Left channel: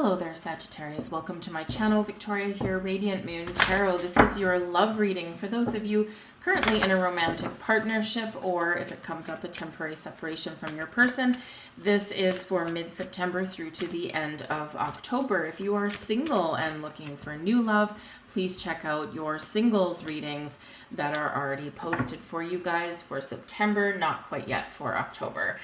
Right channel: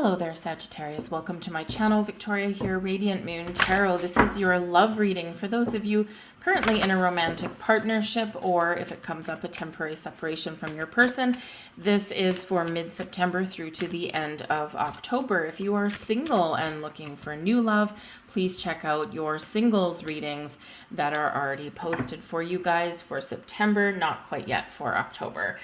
Hello there, Sagittarius. Welcome to my channel. Victoria here, Radiant Moon Tarot. This is your love reading for those of you currently in a romantic partnership, or if it comes up, a temporary separation from your person. This is for mid-September through to the end of October. If you are single and looking for new love, please check out your singles readings that are already posted for you guys for September, not quite yet for October.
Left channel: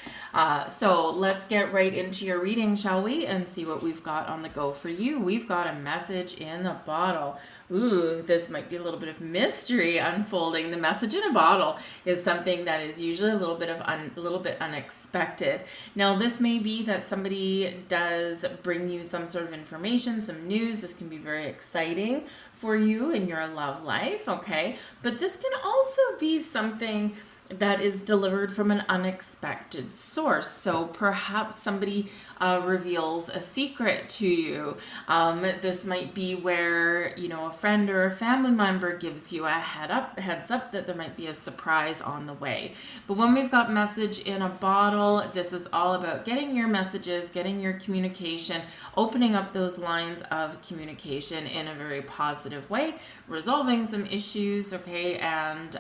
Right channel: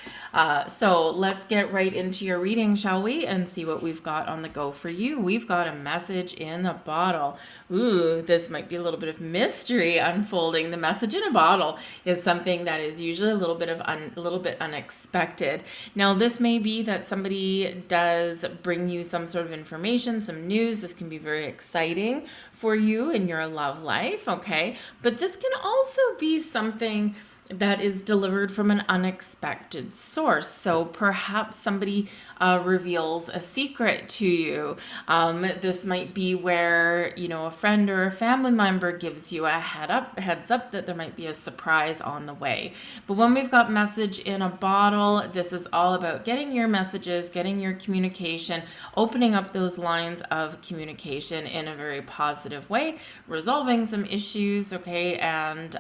So let's get right into your reading, shall we? And see what we've got on the go for you. We've got a message in a bottle. Ooh, this might be a little bit of mystery unfolding. The message in a bottle is something that is usually a little bit unexpected. Now, this may be that somebody does bring you some sort of information, some news. This can be very exciting for you in your love life, okay? But this can also be something that is delivered from an unexpected source. So perhaps somebody reveals a secret to you. This might be where, a friend or a family member gives you a heads up that there might be a surprise on the way. But when we've got message in a bottle, this is all about getting your messages, getting your communication, opening up those lines of communication in a very positive way, resolving some issues, okay, and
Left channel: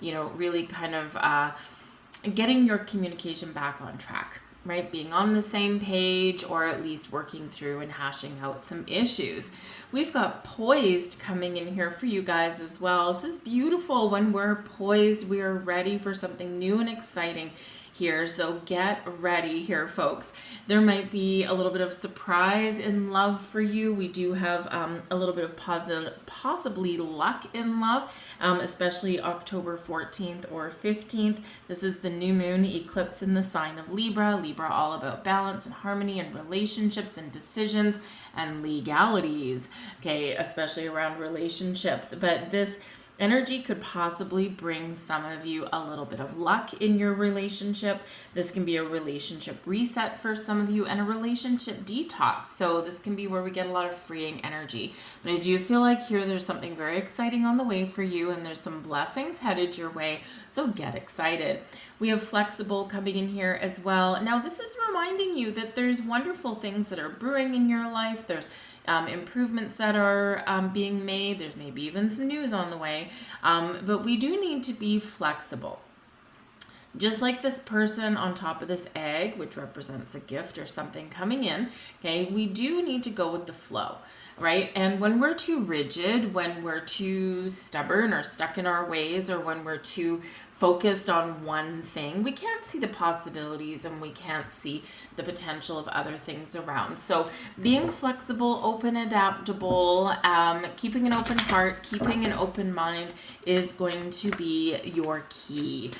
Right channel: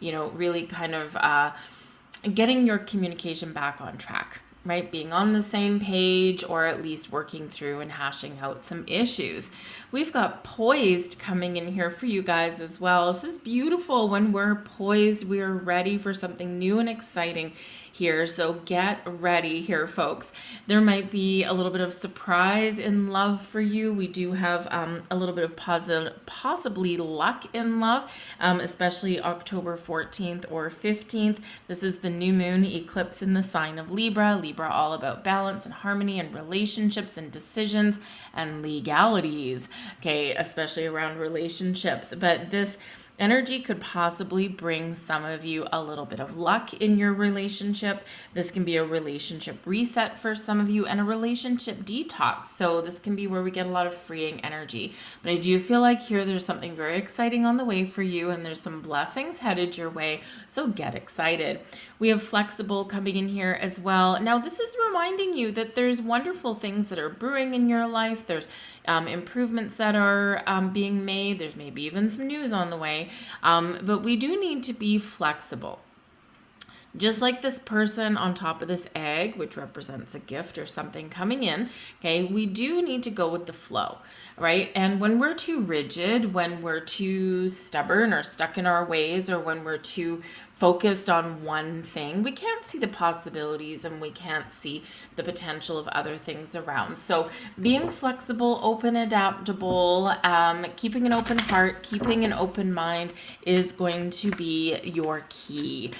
really kind of getting your communication back on track, right? Being on the same page, or at least working through and hashing out some issues. We've got poised coming in here for you guys as well. This is beautiful. When we're poised, we are ready for something new and exciting here. So get ready here, folks. There might be a little bit of surprise in love for you. We do have a little bit of possibly luck in love, especially October 14th or 15th. This is the new moon eclipse in the sign of Libra. Libra all about balance and harmony and relationships and decisions and legalities, okay, especially around relationships. But this energy could possibly bring some of you a little bit of luck in your relationship. This can be a relationship reset for some of you and a relationship detox. So this can be where we get a lot of freeing energy. But I do feel like here there's something very exciting on the way for you, and there's some blessings headed your way. So get excited. We have flexible coming in here as well. Now, this is reminding you that there's wonderful things that are brewing in your life. There's improvements that are being made. There's maybe even some news on the way. But we do need to be flexible. Just like this person on top of this egg, which represents a gift or something coming in, okay, we do need to go with the flow, right? And when we're too rigid, when we're too stubborn or stuck in our ways, or when we're too focused on one thing, we can't see the possibilities and we can't see the potential of other things around. So being flexible, open, adaptable, keeping an open heart, keeping an open mind is going to be your key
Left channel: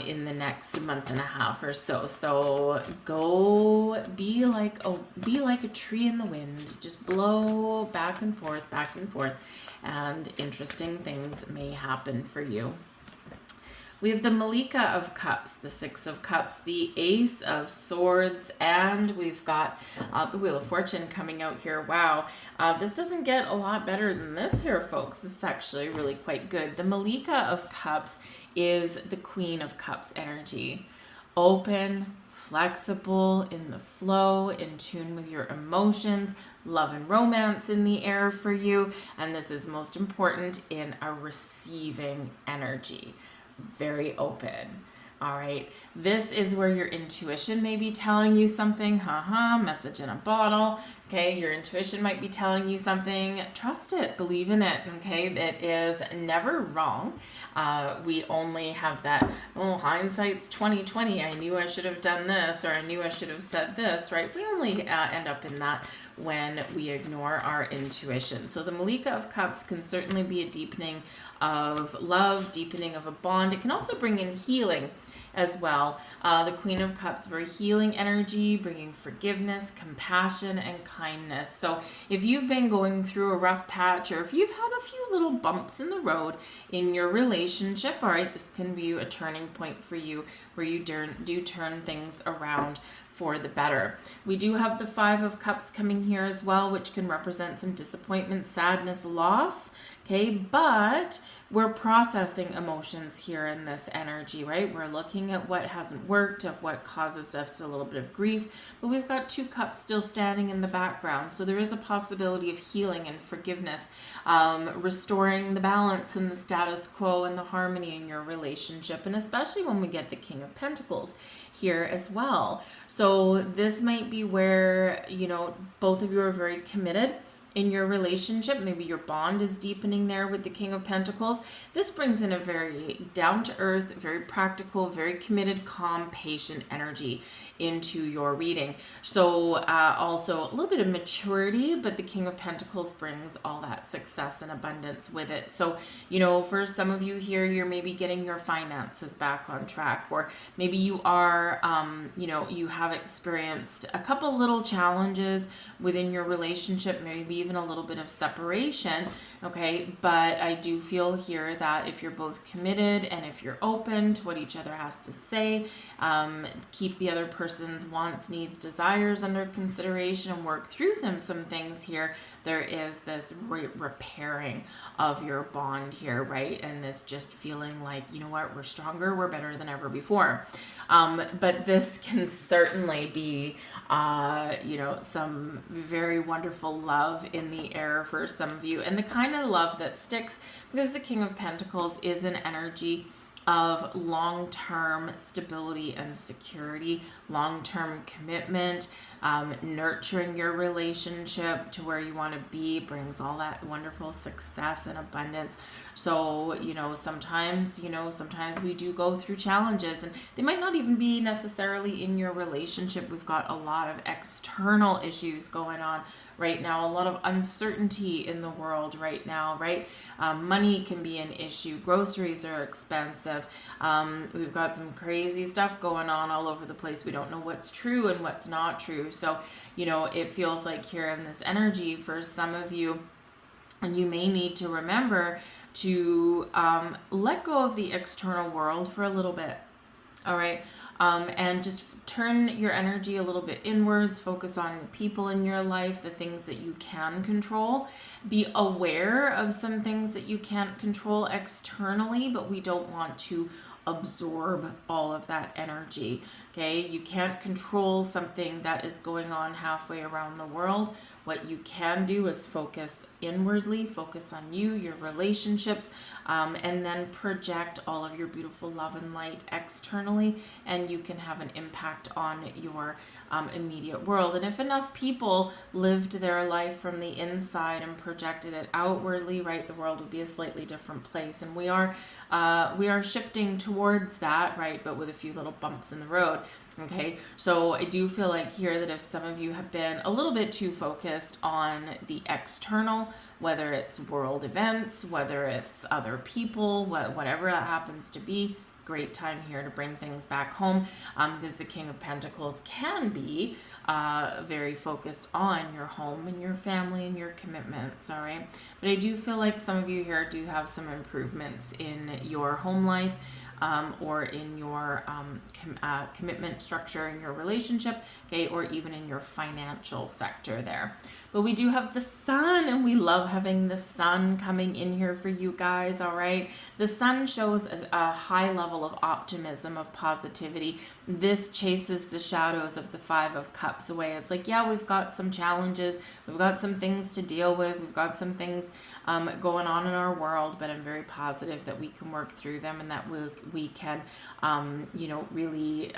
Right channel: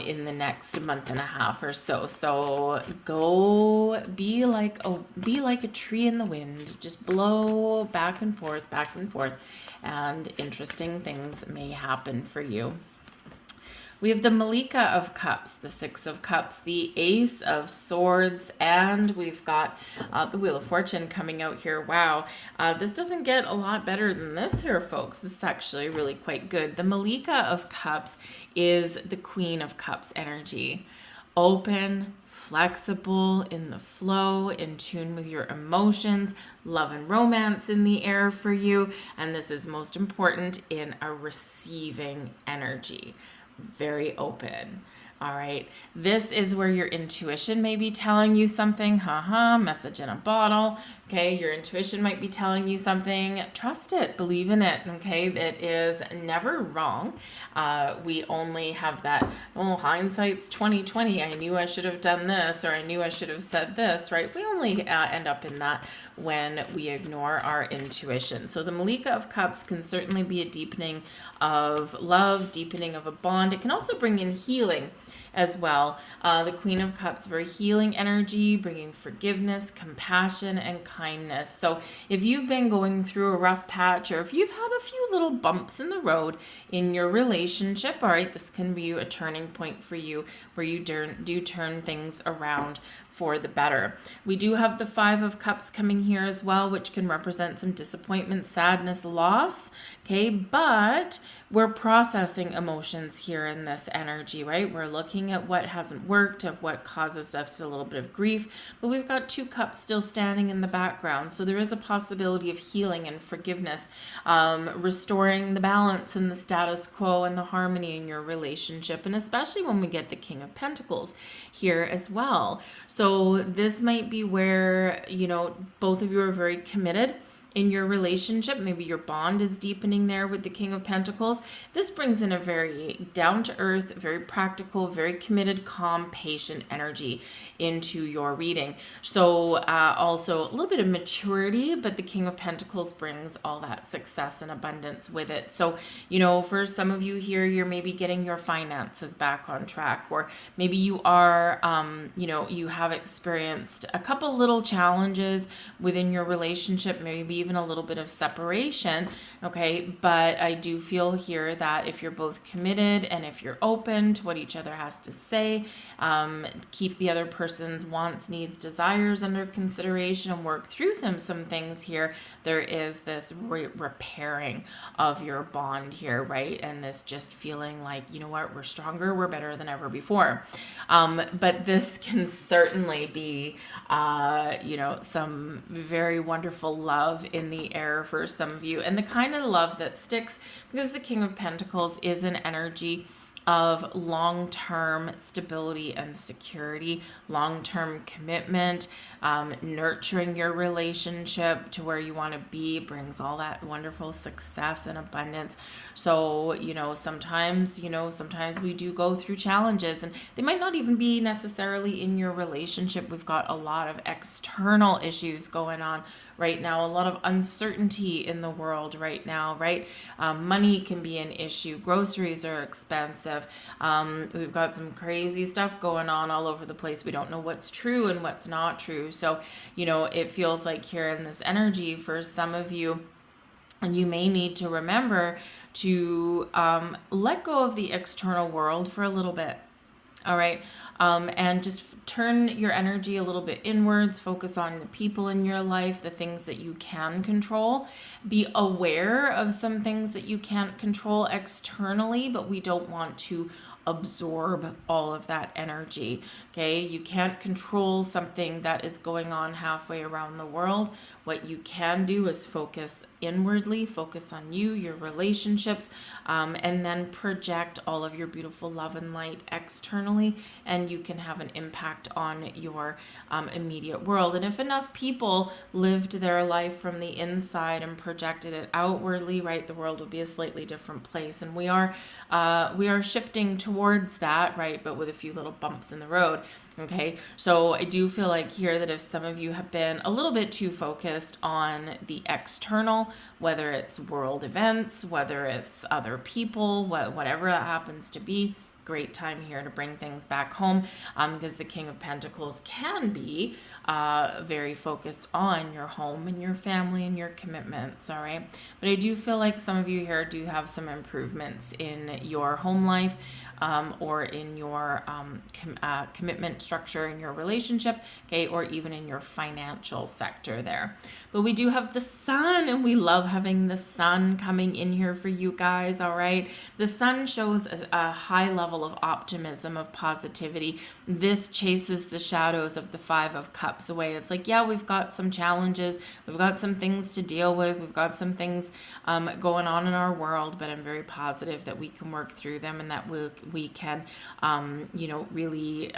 in the next month and a half or so. So go be like a tree in the wind. Just blow back and forth, and interesting things may happen for you. We have the Malika of Cups, the Six of Cups, the Ace of Swords, and we've got the Wheel of Fortune coming out here. Wow, this doesn't get a lot better than this here, folks. This is actually really quite good. The Malika of Cups is the Queen of Cups energy. Open, flexible, in the flow, in tune with your emotions, love and romance in the air for you, and this is most important in a receiving energy. Very open. All right. This is where your intuition may be telling you something. Message in a bottle. Okay. Your intuition might be telling you something. Trust it. Believe in it. Okay. That is never wrong. We only have that, hindsight's 2020. I knew I should have done this, or I knew I should have said this, right? We only end up in that when we ignore our intuition. So the Malika of Cups can certainly be a deepening of love, deepening of a bond. It can also bring in healing as well. The Queen of Cups, very healing energy, bringing forgiveness, compassion, and kindness. So if you've been going through a rough patch, or if you've had a few little bumps in the road in your relationship, all right, this can be a turning point for you where you do turn things around for the better. We do have the Five of Cups coming here as well, which can represent some disappointment, sadness, loss. Okay, but we're processing emotions here in this energy, right? We're looking at what hasn't worked, of what causes us a little bit of grief, but we've got 2 cups still standing in the background. So there is a possibility of healing and forgiveness, restoring the balance and the status quo and the harmony in your relationship, and especially when we get the King of Pentacles here as well. So this might be where, both of you are very committed in your relationship. Maybe your bond is deepening there with the King of Pentacles. This brings in a very down-to-earth, very practical, very committed, calm, patient energy into your reading. So also a little bit of maturity, but the King of Pentacles brings all that success and abundance with it. So, for some of you here, you're maybe getting your finances back on track, or maybe you are, you have experienced a couple little challenges within your relationship, maybe even a little bit of separation, okay? But I do feel here that if you're both committed and if you're open to what each other has to say, keep the other person's wants, needs, desires under consideration and work through some things here, there is this repairing of your bond here, right? And this just feeling like, we're stronger, we're better than ever before. But this can certainly be, some very wonderful love in the air for some of you, and the kind of love that sticks, because the King of Pentacles is an energy of long-term stability and security, long-term commitment, nurturing your relationship to where you want to be, brings all that wonderful success and abundance. So, sometimes we do go through challenges, and they might not even be necessarily in your relationship. We've got a lot of external issues going on right now, a lot of uncertainty in the world right now, right? Money can be an issue. Groceries are expensive. We've got some crazy stuff going on all over the place. We don't know what's true and what's not true. So, it feels like here in this energy for some of you, and you may need to remember to let go of the external world for a little bit. All right. And just turn your energy a little bit inwards, focus on the people in your life, the things that you can control. Be aware of some things that you can't control externally, but we don't want to absorb all of that energy. Okay, you can't control something that is going on halfway around the world. What you can do is focus inwardly, focus on you, your relationships, and then project all of your beautiful love and light externally, and you can have an impact on your immediate world. And if enough people lived their life from the inside and projected it outwardly, right, the world would be a slightly different place. And we are shifting towards that, right, but with a few little bumps in the road. Okay, so I do feel like here that if some of you have been a little bit too focused on the external, whether it's world events, whether it's other people, whatever that happens to be, great time here to bring things back home, because the King of Pentacles can be very focused on your home and your family and your commitments, all right? But I do feel like some of you here do have some improvements in your home life, or in your commitment structure in your relationship, okay, or even in your financial sector there. But we do have the sun, and we love having the sun coming in here for you guys, all right? The sun shows a high level of optimism, of positivity. This chases the shadows of the Five of Cups away. It's like, yeah, we've got some challenges, we've got some things to deal with, we've got some things going on in our world, but I'm very positive that we can work through them, and that we can, really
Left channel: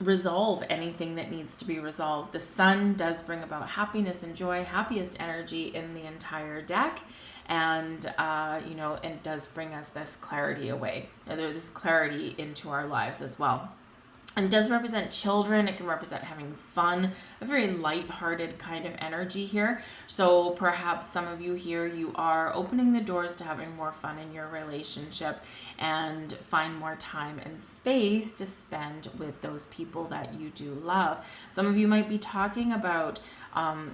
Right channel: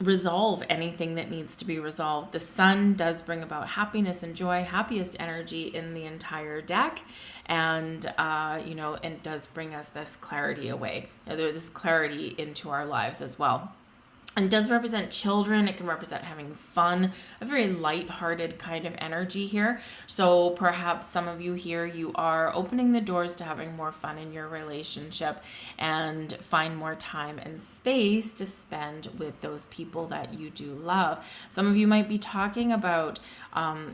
resolve anything that needs to be resolved. The sun does bring about happiness and joy, happiest energy in the entire deck. And, it does bring us this clarity away, this clarity into our lives as well. And does represent children. It can represent having fun, a very light-hearted kind of energy here. So perhaps some of you here, you are opening the doors to having more fun in your relationship and find more time and space to spend with those people that you do love. Some of you might be talking about,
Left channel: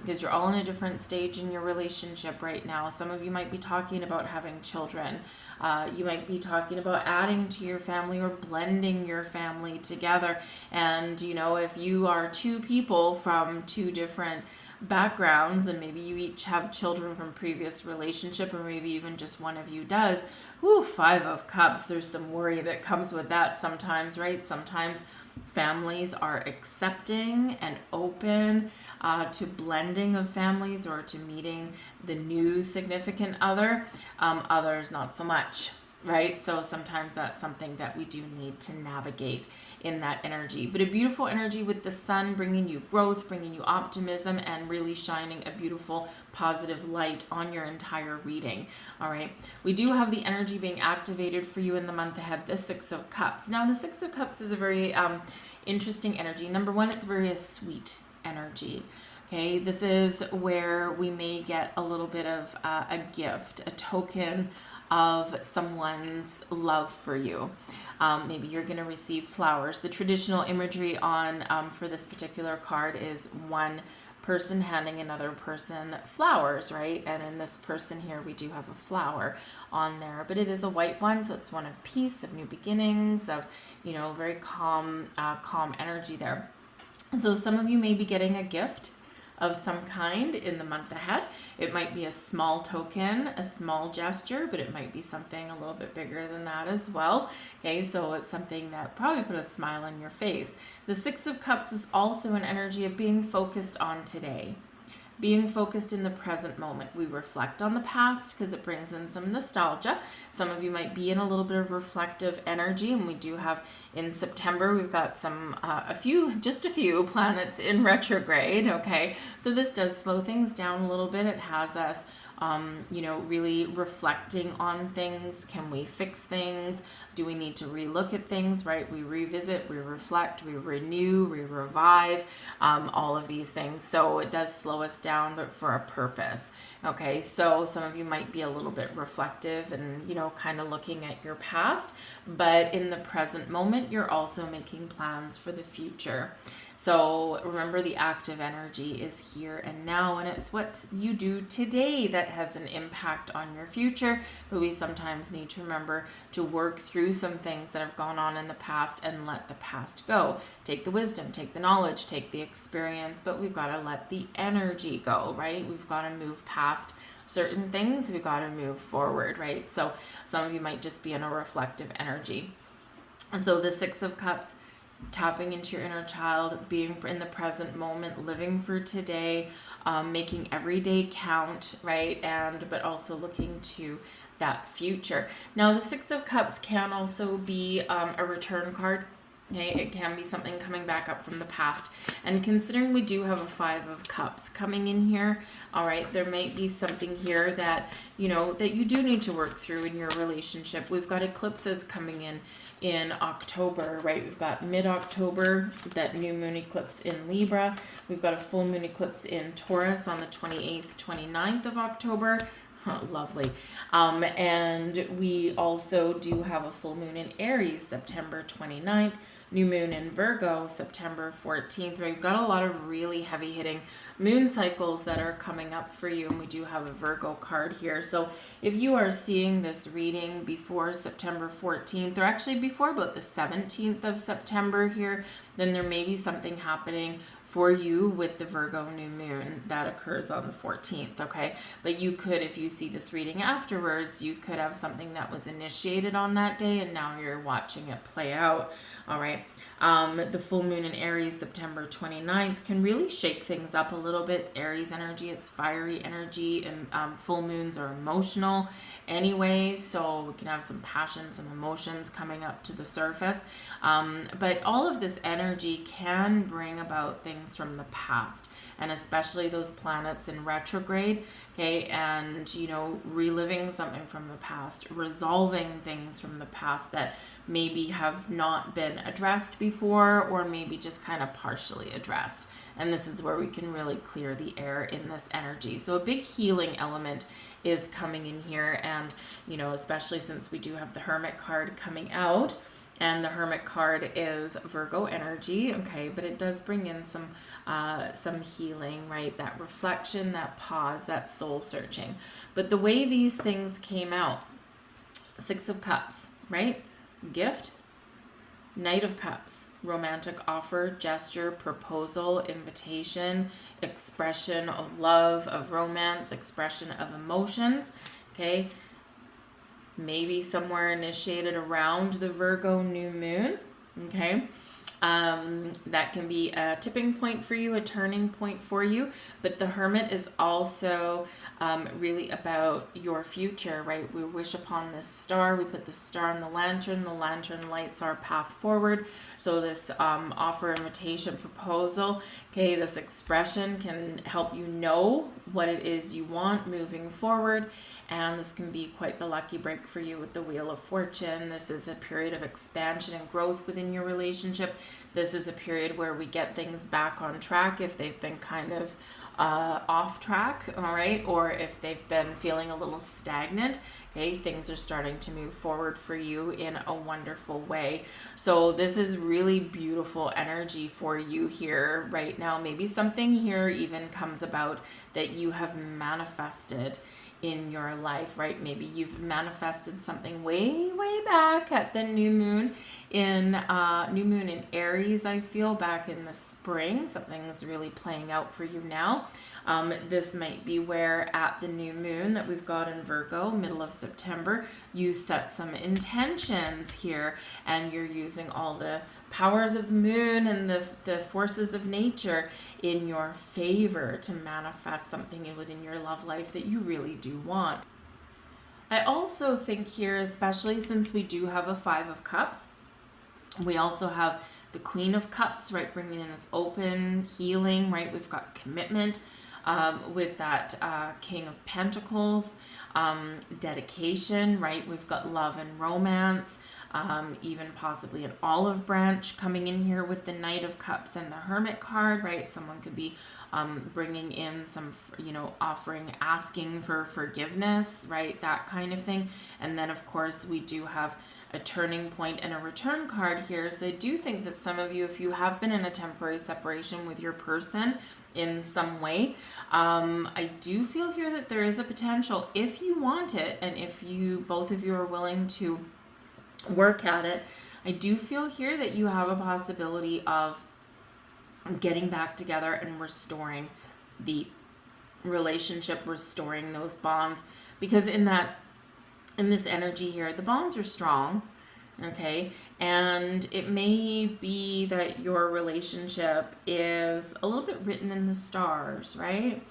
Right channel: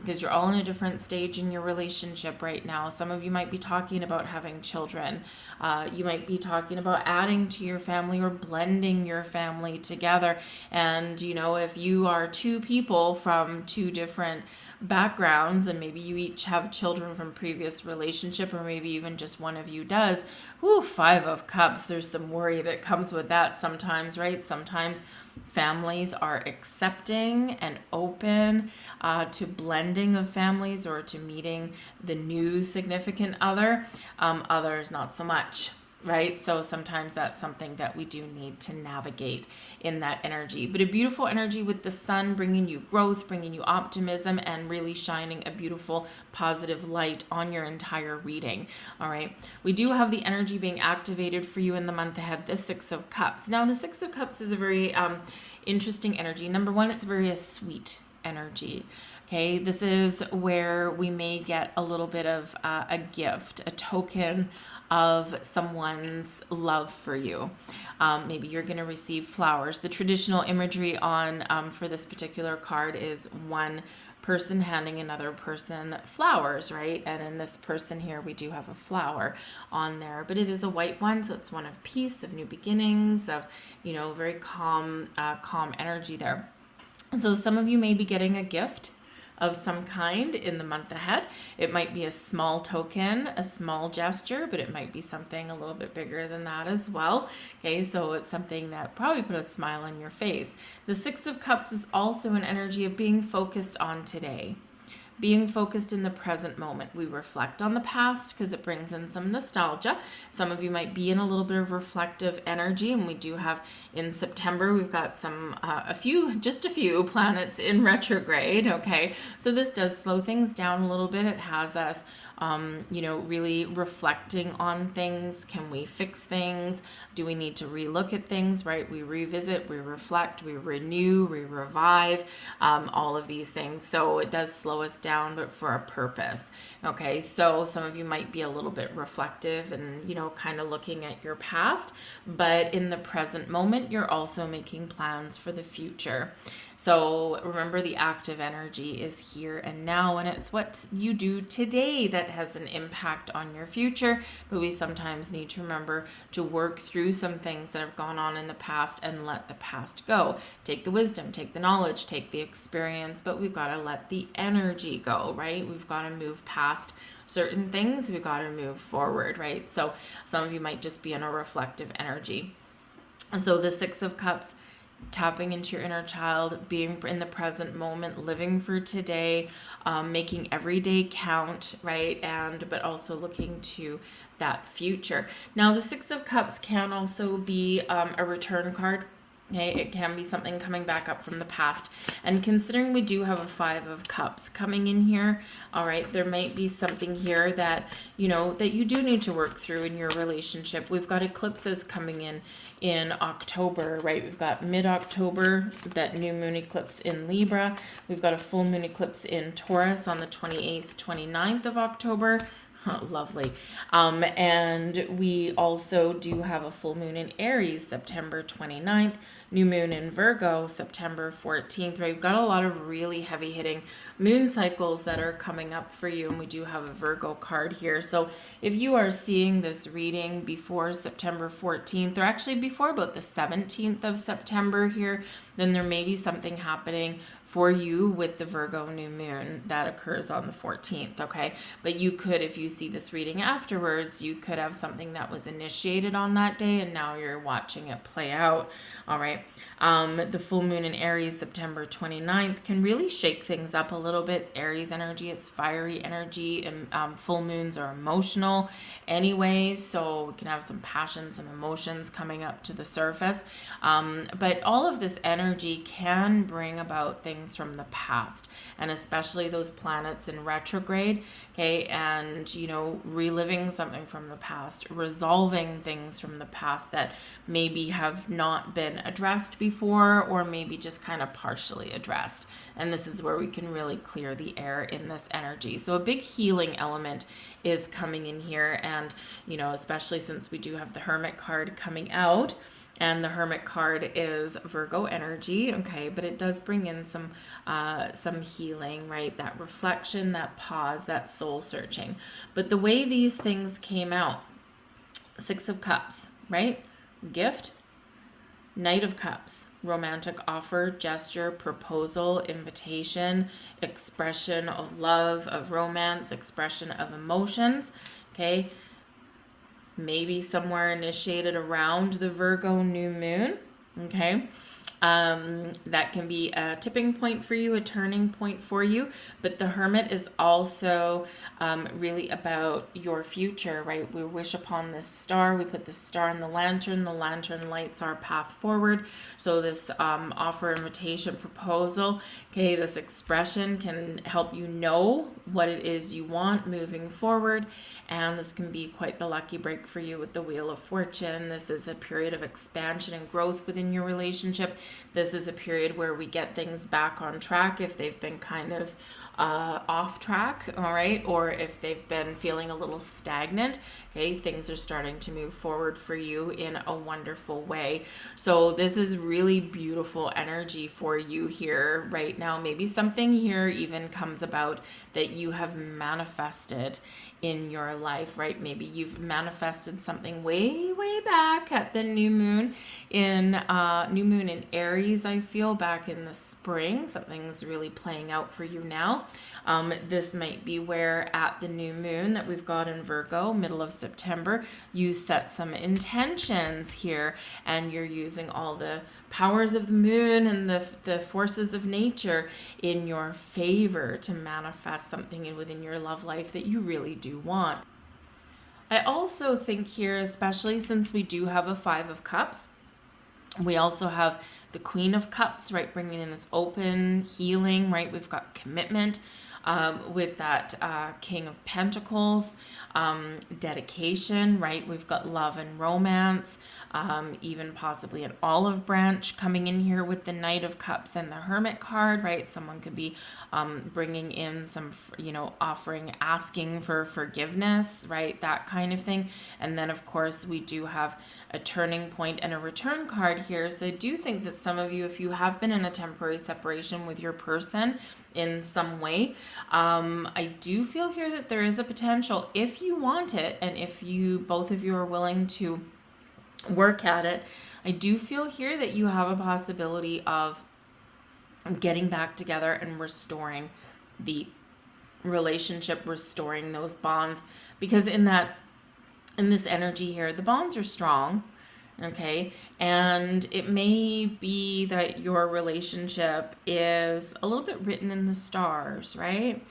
because you're all in a different stage in your relationship right now. Some of you might be talking about having children. You might be talking about adding to your family or blending your family together. And, if you are two people from two different backgrounds, and maybe you each have children from previous relationship, or maybe even just one of you does. Woo, 5 of Cups. There's some worry that comes with that sometimes, right? Sometimes families are accepting and open to blending of families or to meeting the new significant other. Others not so much, right? So sometimes that's something that we do need to navigate in that energy. But a beautiful energy with the sun bringing you growth, bringing you optimism, and really shining a beautiful positive light on your entire reading. All right. We do have the energy being activated for you in the month ahead, the 6 of Cups. Now, the 6 of Cups is a very interesting energy. Number one, it's very a sweet energy. Okay, this is where we may get a little bit of a gift, a token of someone's love for you. Maybe you're going to receive flowers. The traditional imagery on for this particular card is one person handing another person flowers, right? And in this person here, we do have a flower on there, but it is a white one, so it's one of peace, of new beginnings, of, you know, very calm energy there. So some of you may be getting a gift of some kind in the month ahead. It might be a small token, a small gesture, but it might be something a little bit bigger than that as well. Okay, so it's something that probably put a smile on your face. The 6 of Cups is also an energy of being focused on today. Being focused in the present moment. We reflect on the past because it brings in some nostalgia. Some of you might be in a little bit of reflective energy, and we do have in September, we've got some, just a few planets in retrograde, okay? So this does slow things down a little bit. It has us really reflecting on things. Can we fix things? Do we need to relook at things, right? We revisit, we reflect, we renew, we revive, all of these things. So it does slow us down, but for a purpose. Okay, so some of you might be a little bit reflective and, kind of looking at your past, but in the present moment, you're also making plans for the future. So remember, the active energy is here and now, and it's what you do today that has an impact on your future. But we sometimes need to remember to work through some things that have gone on in the past and let the past go. Take the wisdom, take the knowledge, take the experience, but we've got to let the energy go, right? We've got to move past certain things. We've got to move forward, right? So some of you might just be in a reflective energy. So the 6 of Cups, tapping into your inner child, being in the present moment, living for today, making every day count, right? But also looking to that future. Now, the 6 of Cups can also be a return card. Okay, it can be something coming back up from the past. And considering we do have a 5 of Cups coming in here, all right, there might be something here that, that you do need to work through in your relationship. We've got eclipses coming in October, right? We've got mid-October, that new moon eclipse in Libra. We've got a full moon eclipse in Taurus on the 28th, 29th of October. Oh, lovely. And we also do have a full moon in Aries, September 29th, new moon in Virgo, September 14th, right? We've got a lot of really heavy hitting moon cycles that are coming up for you, and we do have a Virgo card here. So if you are seeing this reading before September 14th, or actually before about the 17th of September here, then there may be something happening for you with the Virgo new moon that occurs on the 14th, okay? But you could, if you see this reading afterwards, you could have something that was initiated on that day and now you're watching it play out, all right? The full moon in Aries, September 29th, can really shake things up a little bit. It's Aries energy, it's fiery energy, and full moons are emotional anyway, so we can have some passions and emotions coming up to the surface. But all of this energy can bring about things from the past, and especially those planets in retrograde, okay, and reliving something from the past, resolving things from the past that maybe have not been addressed before, or maybe just kind of partially addressed. And this is where we can really clear the air in this energy. So a big healing element is coming in here, and especially since we do have the Hermit card coming out, and the Hermit card is Virgo energy, okay, but it does bring in some healing, right? That reflection, that pause, that soul searching. But the way these things came out, 6 of Cups, right? Gift, Knight of Cups, romantic offer, gesture, proposal, invitation, expression of love, of romance, expression of emotions. Okay, maybe somewhere initiated around the Virgo new moon. Okay, that can be a tipping point for you, a turning point for you. But the Hermit is also really about your future, right? We wish upon this star. We put the star in the lantern. The lantern lights our path forward. So this offer, invitation, proposal, okay, this expression can help you know what it is you want moving forward. And this can be quite the lucky break for you with the Wheel of Fortune. This is a period of expansion and growth within your relationship. This is a period where we get things back on track if they've been kind of off track, all right, or if they've been feeling a little stagnant. Okay, things are starting to move forward for you in a wonderful way. So this is really beautiful energy for you here right now. Maybe something here even comes about that you have manifested in your life, right? Maybe you've manifested something way back at the new moon in Aries. I feel back in the spring, something's really playing out for you now. This might be where at the new moon that we've got in Virgo, middle of September, you set some intentions here, and you're using all the powers of the moon and the forces of nature in your favor to manifest something within your love life that you really do want. I also think here, especially since we do have a Five of Cups, we also have the Queen of Cups, right, bringing in this open healing, right? We've got commitment with that King of Pentacles, dedication, right? We've got love and romance, even possibly an olive branch coming in here with the Knight of Cups and the Hermit card, right? Someone could be bringing in some, offering, asking for forgiveness, right? That kind of thing. And then, of course, we do have a turning point and a return card here. So I do think that some of you, if you have been in a temporary separation with your person in some way, I do feel here that there is a potential, if you want it, and if both of you are willing to work at it, I do feel here that you have a possibility of getting back together and restoring the relationship, restoring those bonds, because in this energy here, the bonds are strong, okay? And it may be that your relationship is a little bit written in the stars, right?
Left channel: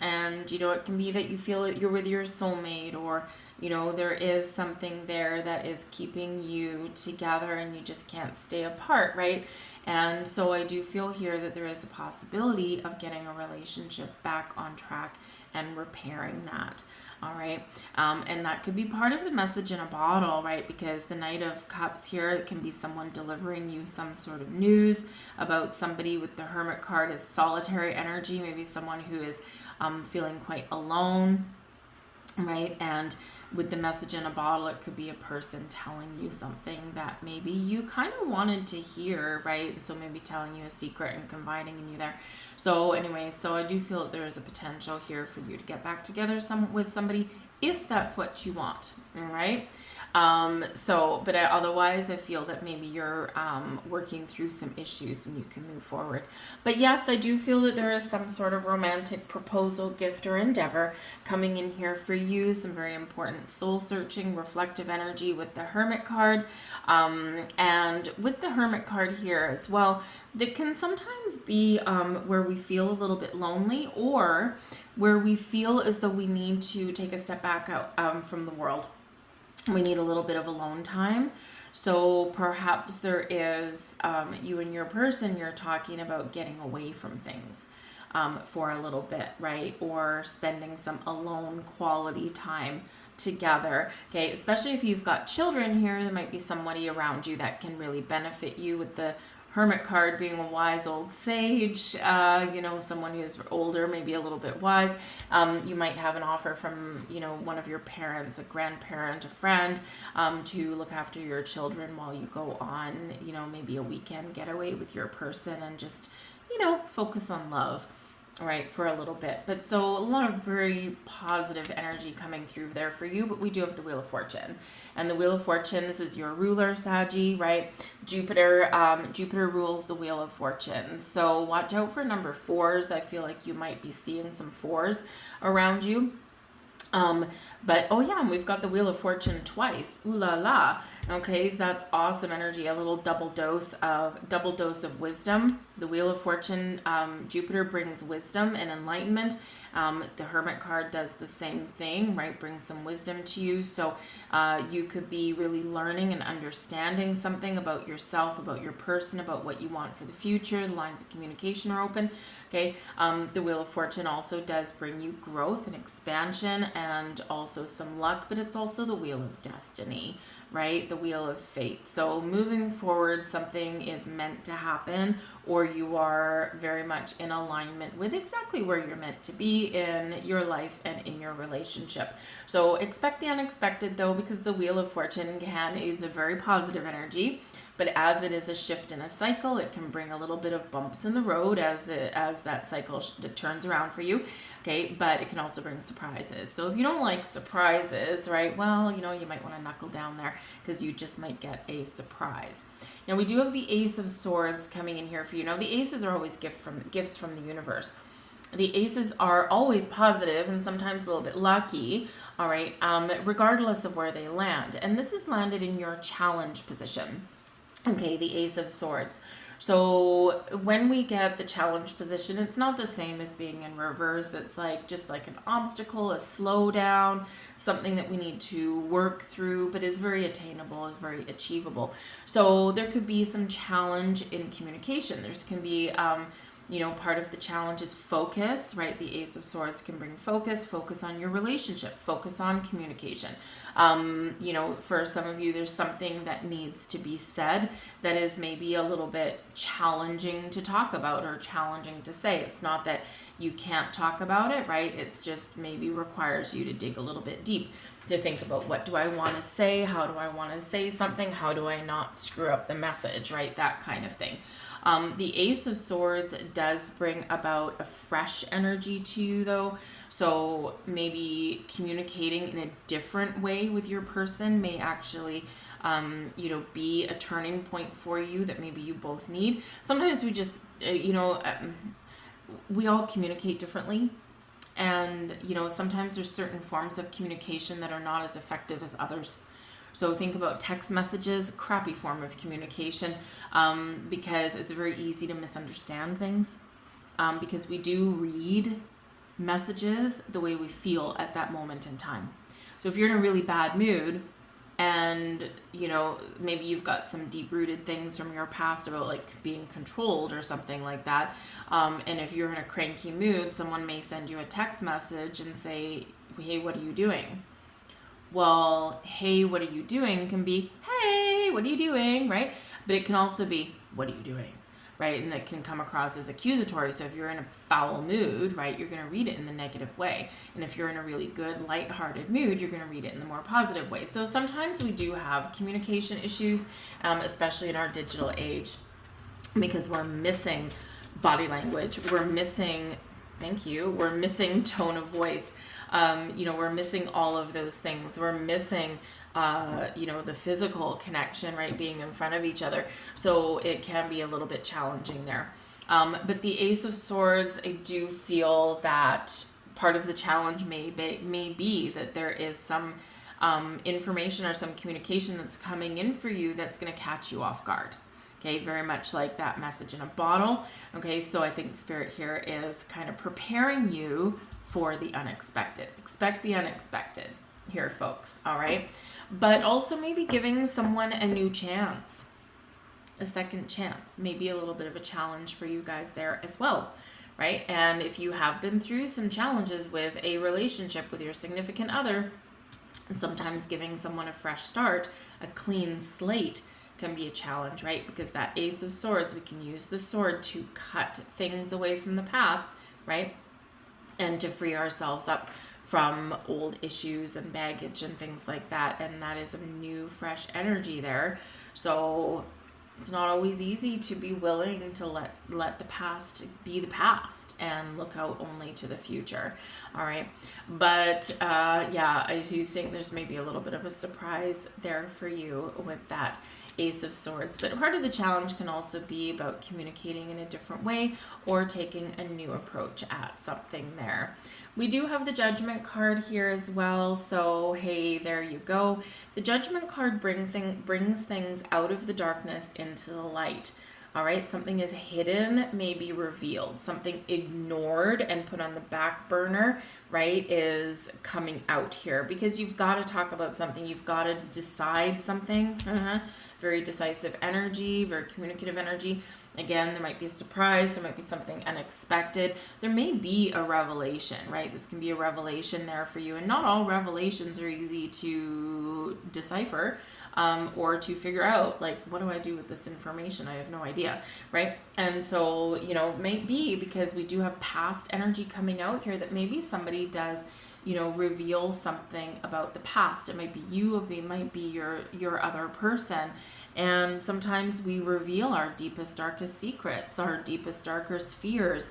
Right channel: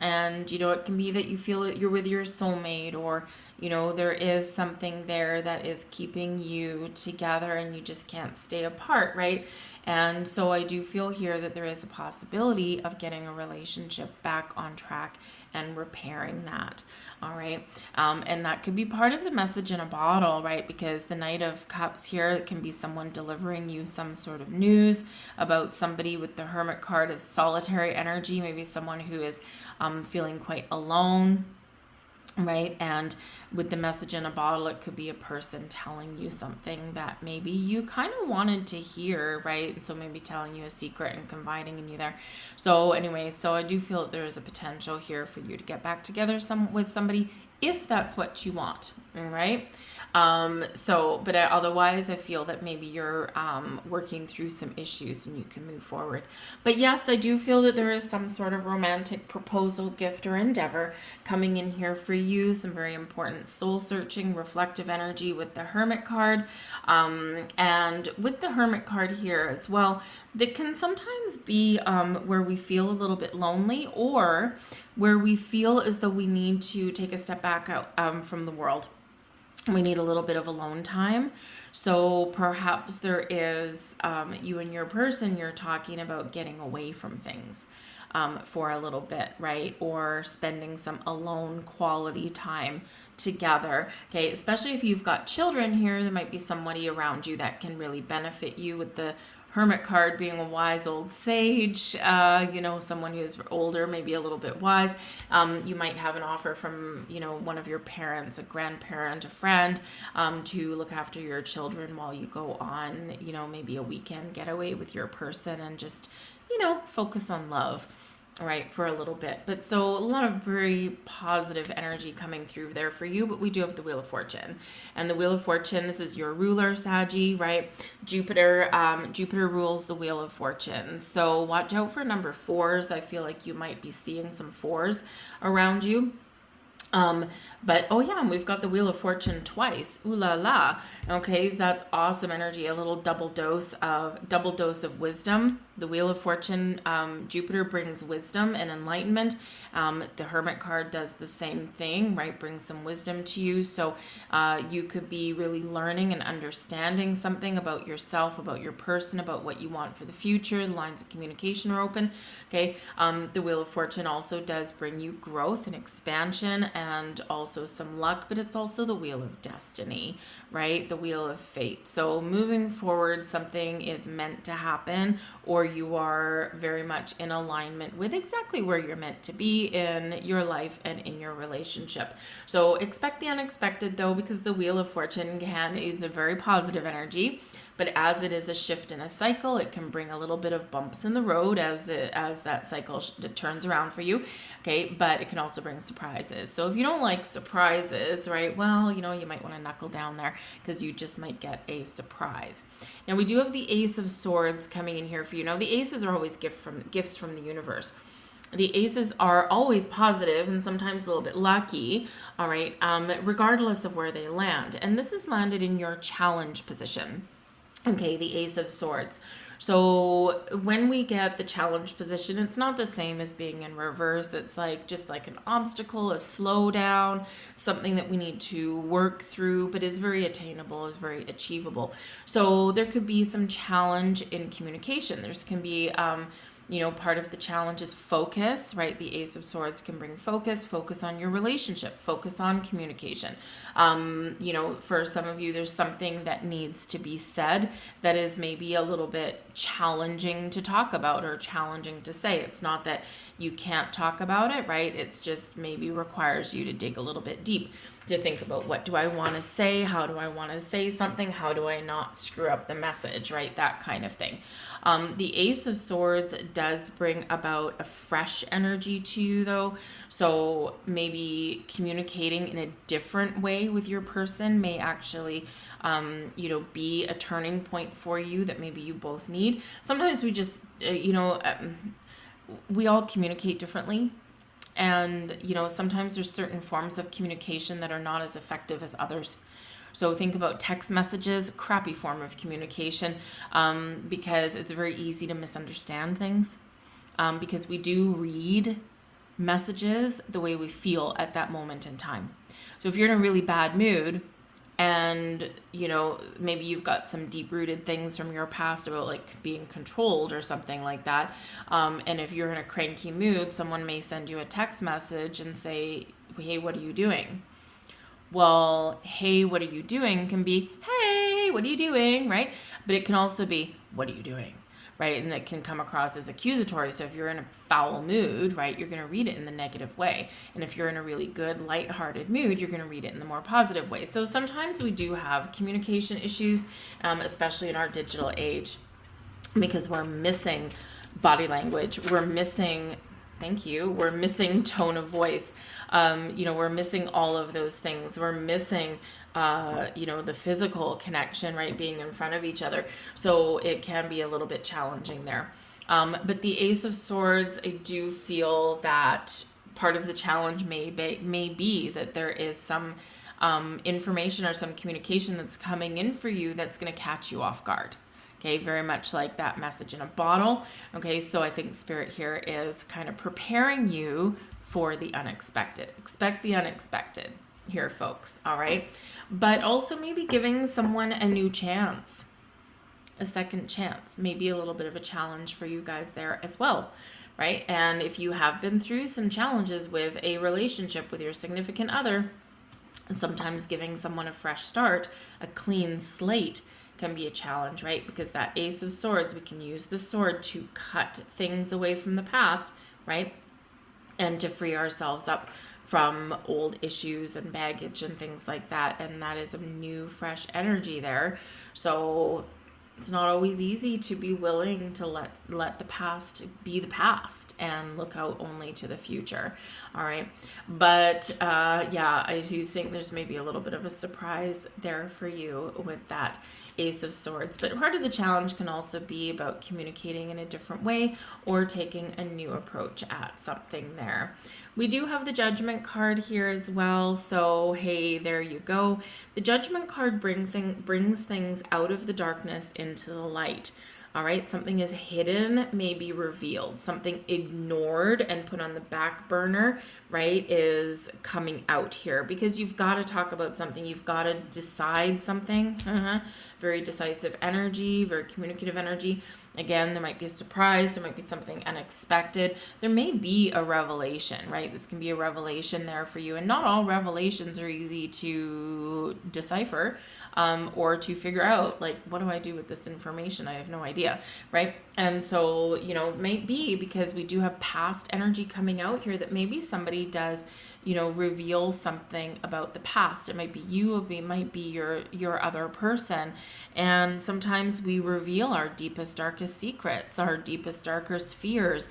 And, it can be that you feel that you're with your soulmate, or, there is something there that is keeping you together and you just can't stay apart, right? And so I do feel here that there is a possibility of getting a relationship back on track and repairing that. All right. And that could be part of the message in a bottle, right? Because the Knight of Cups here, it can be someone delivering you some sort of news about somebody. With the Hermit card is solitary energy, maybe someone who is feeling quite alone, right? And with the message in a bottle, it could be a person telling you something that maybe you kind of wanted to hear, right? And so maybe telling you a secret and confiding in you there. So anyway, so I do feel that there is a potential here for you to get back together with somebody, if that's what you want, all right? But otherwise, I feel that maybe you're working through some issues and you can move forward. But yes, I do feel that there is some sort of romantic proposal, gift, or endeavor coming in here for you. Some very important soul-searching, reflective energy with the Hermit card. And with the Hermit card here as well, that can sometimes be where we feel a little bit lonely, or where we feel as though we need to take a step back out from the world. We need a little bit of alone time. So perhaps there is, you and your person, you're talking about getting away from things for a little bit, right? Or spending some alone quality time together. Okay, especially if you've got children here, there might be somebody around you that can really benefit you, with the Hermit card being a wise old sage, someone who is older, maybe a little bit wise. You might have an offer from, one of your parents, a grandparent, a friend, to look after your children while you go on, maybe a weekend getaway with your person and just, focus on love. right, for a little bit. But so a lot of very positive energy coming through there for you. But we do have the Wheel of Fortune, and the Wheel of Fortune, this is your ruler, Saggy, right? Jupiter rules the Wheel of Fortune. So watch out for number fours. I feel like you might be seeing some fours around you. But oh yeah, we've got the Wheel of Fortune twice. Ooh la la. Okay, that's awesome energy. A little double dose of wisdom. The Wheel of Fortune, Jupiter brings wisdom and enlightenment. The Hermit card does the same thing, right? Brings some wisdom to you. So you could be really learning and understanding something about yourself, about your person, about what you want for the future. Lines of communication are open. Okay. The Wheel of Fortune also does bring you growth and expansion and also some luck, but it's also the Wheel of Destiny, right? The Wheel of Fate. So moving forward, something is meant to happen, or you are very much in alignment with exactly where you're meant to be in your life and in your relationship. So expect the unexpected though, because the Wheel of Fortune again is a very positive energy. But as it is a shift in a cycle, it can bring a little bit of bumps in the road as that cycle turns around for you. Okay, but it can also bring surprises. So if you don't like surprises, right, well, you might want to knuckle down there because you just might get a surprise. Now we do have the Ace of Swords coming in here for you. Now the aces are always gifts from the universe. The aces are always positive and sometimes a little bit lucky, all right, regardless of where they land. And this is landed in your challenge position. Okay, the Ace of Swords. So when we get the challenge position, it's not the same as being in reverse. It's just like an obstacle, a slowdown, something that we need to work through, but is very attainable, is very achievable. So there could be some challenge in communication. There's can be part of the challenge is focus, right? The Ace of Swords can bring focus on your relationship, focus on communication. For some of you, there's something that needs to be said that is maybe a little bit challenging to talk about or challenging to say. It's not that you can't talk about it, right? It's just maybe requires you to dig a little bit deep to think about, what do I want to say? How do I want to say something? How do I not screw up the message, right? That kind of thing. The Ace of Swords does bring about a fresh energy to you though. So maybe communicating in a different way with your person may actually be a turning point for you that maybe you both need. Sometimes we just, we all communicate differently. And, sometimes there's certain forms of communication that are not as effective as others. So think about text messages, crappy form of communication, because it's very easy to misunderstand things, because we do read messages the way we feel at that moment in time. So if you're in a really bad mood and, maybe you've got some deep-rooted things from your past about being controlled or something like that, and if you're in a cranky mood, someone may send you a text message and say, hey, what are you doing? Well, hey, what are you doing can be, hey, what are you doing, right? But it can also be, what are you doing, right? And it can come across as accusatory. So if you're in a foul mood, right, you're going to read it in the negative way. And if you're in a really good, lighthearted mood, you're going to read it in the more positive way. So sometimes we do have communication issues, especially in our digital age, because we're missing body language. We're missing, we're missing tone of voice. We're missing all of those things. We're missing, the physical connection, right? Being in front of each other. So it can be a little bit challenging there. But the Ace of Swords, I do feel that part of the challenge may be that there is some information or some communication that's coming in for you that's going to catch you off guard. Okay, very much like that message in a bottle. Okay, so I think Spirit here is kind of preparing you for the unexpected. Expect the unexpected here, folks, all right? But also maybe giving someone a new chance, a second chance, maybe a little bit of a challenge for you guys there as well, right? And if you have been through some challenges with a relationship with your significant other, sometimes giving someone a fresh start, a clean slate, can be a challenge, right? Because that Ace of Swords, we can use the sword to cut things away from the past, right? And to free ourselves up from old issues and baggage and things like that. And that is a new, fresh energy there. So It's not always easy to be willing to let the past be the past and look out only to the future. All right. But yeah, I do think there's maybe a little bit of a surprise there for you with that Ace of Swords. But part of the challenge can also be about communicating in a different way or taking a new approach at something there. We do have the Judgment card here as well. So, hey, there you go. The Judgment card brings things out of the darkness into the light. All right, something is hidden, may be revealed. Something ignored and put on the back burner, right, is coming out here because you've got to talk about something. You've got to decide something. Very decisive energy, very communicative energy. Again, there might be a surprise, there might be something unexpected. There may be a revelation, right? This can be a revelation there for you. And not all revelations are easy to decipher or to figure out, like, what do I do with this information? I have no idea, right? And so, you know, maybe because we do have past energy coming out here that maybe somebody does, you know, reveal something about the past. It might be you, it might be your other person. And sometimes we reveal our deepest, darkest secrets, our deepest, darkest fears,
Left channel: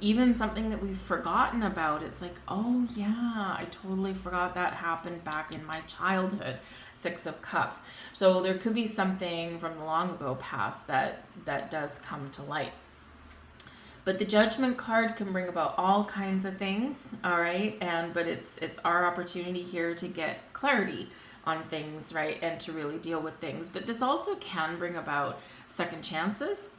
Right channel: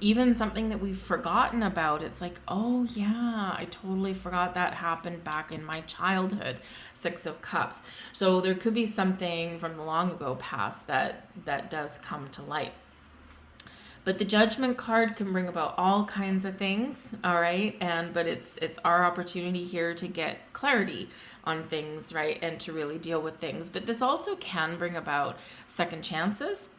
even something that we've forgotten about. It's like, oh yeah, I totally forgot that happened back in my childhood. Six of Cups. So there could be something from the long ago past that does come to light. But the Judgment card can bring about all kinds of things, all right? But it's our opportunity here to get clarity on things, right? And to really deal with things. But this also can bring about second chances.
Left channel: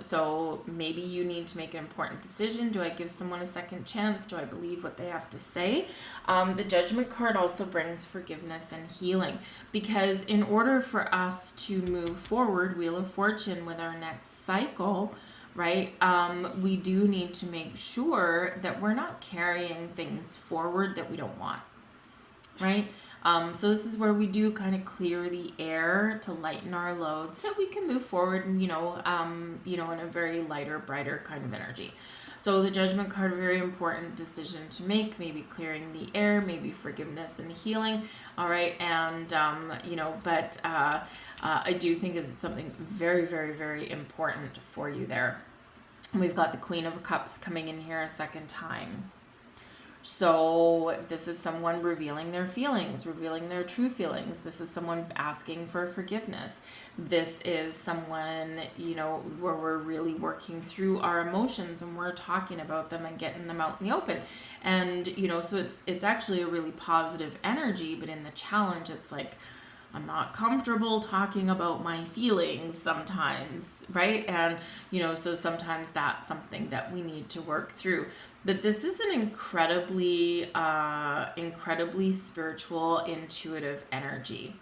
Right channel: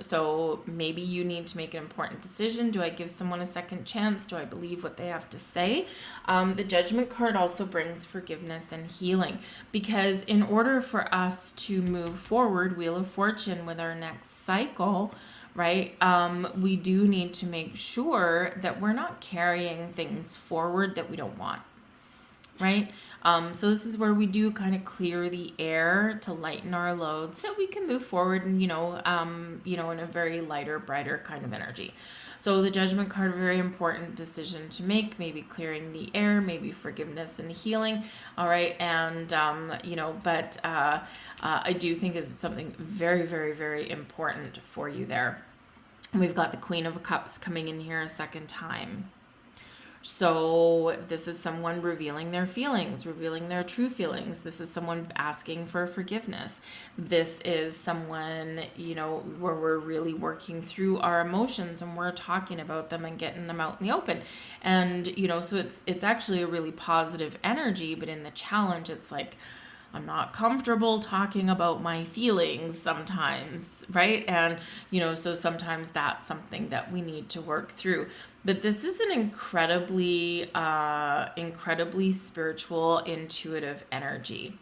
So maybe you need to make an important decision. Do I give someone a second chance? Do I believe what they have to say? The Judgment card also brings forgiveness and healing, because in order for us to move forward, Wheel of Fortune, with our next cycle, right, we do need to make sure that we're not carrying things forward that we don't want, right? So this is where we do kind of clear the air to lighten our load so we can move forward and, in a very lighter, brighter kind of energy. So the Judgment card, a very important decision to make, maybe clearing the air, maybe forgiveness and healing. All right. And, I do think it's something very, very, very important for you there. We've got the Queen of Cups coming in here a second time. So this is someone revealing their feelings, revealing their true feelings. This is someone asking for forgiveness. This is someone, where we're really working through our emotions and we're talking about them and getting them out in the open. And, so it's actually a really positive energy, but in the challenge, it's like, I'm not comfortable talking about my feelings sometimes, right? And, so sometimes that's something that we need to work through. But this is an incredibly spiritual, intuitive energy.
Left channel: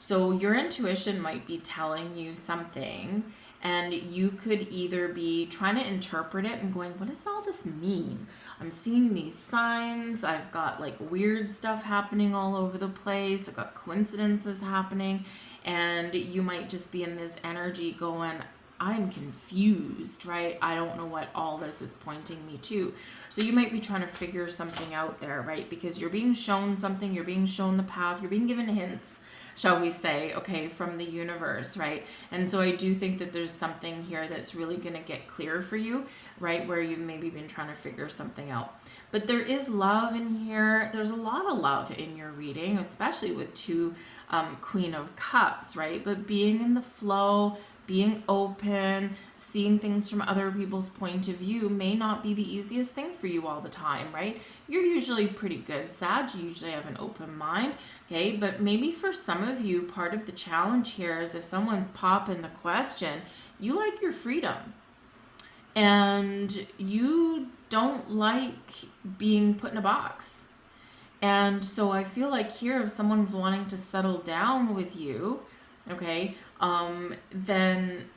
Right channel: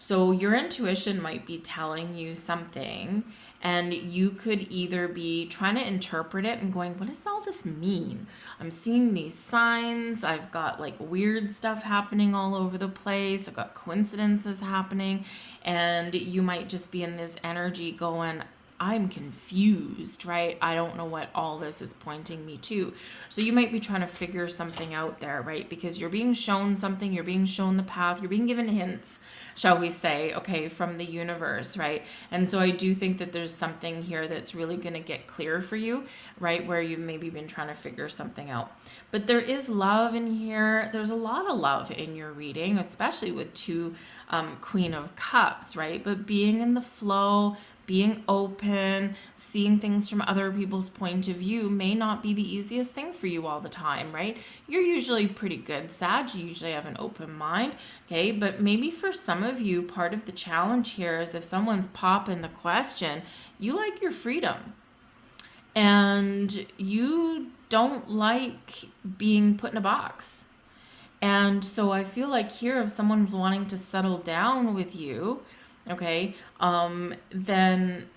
So your intuition might be telling you something, and you could either be trying to interpret it and going, what does all this mean? I'm seeing these signs. I've got like weird stuff happening all over the place. I've got coincidences happening. And you might just be in this energy going, I'm confused, right? I don't know what all this is pointing me to. So you might be trying to figure something out there, right? Because you're being shown something, you're being shown the path, you're being given hints, shall we say, okay, from the universe, right? And so I do think that there's something here that's really going to get clear for you, right? Where you've maybe been trying to figure something out. But there is love in here. There's a lot of love in your reading, especially with two Queen of Cups, right? But being in the flow, being open, seeing things from other people's point of view may not be the easiest thing for you all the time, right? You're usually pretty good, Sag. You usually have an open mind, okay? But maybe for some of you, part of the challenge here is if someone's popping the question, you like your freedom. And you don't like being put in a box. And so I feel like here, if someone's wanting to settle down with you, okay, then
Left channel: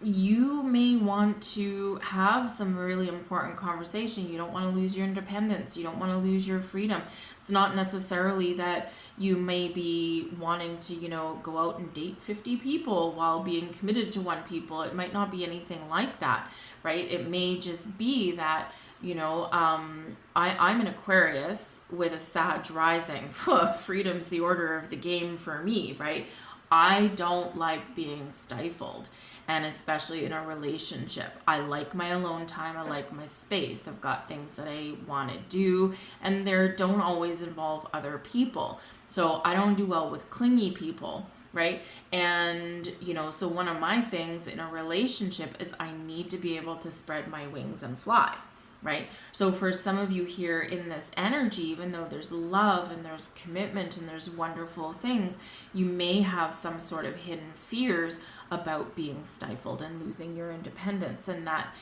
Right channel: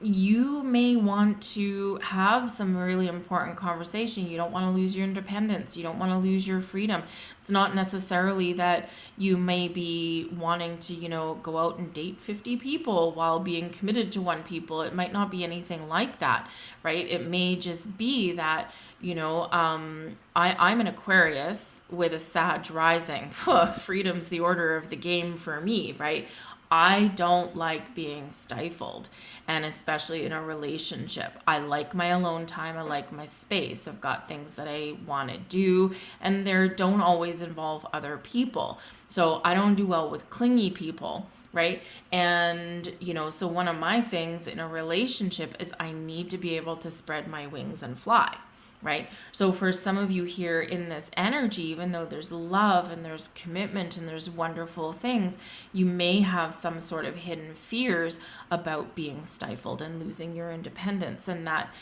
you may want to have some really important conversation. You don't want to lose your independence. You don't want to lose your freedom. It's not necessarily that you may be wanting to, go out and date 50 people while being committed to one people. It might not be anything like that, right? It may just be that, I'm an Aquarius with a Sag rising. Freedom's the order of the game for me, right? I don't like being stifled, and especially in a relationship. I like my alone time. I like my space. I've got things that I want to do, and they don't always involve other people. So I don't do well with clingy people, right? And, so one of my things in a relationship is I need to be able to spread my wings and fly. Right? So for some of you here in this energy, even though there's love and there's commitment and there's wonderful things, you may have some sort of hidden fears about being stifled and losing your independence. And that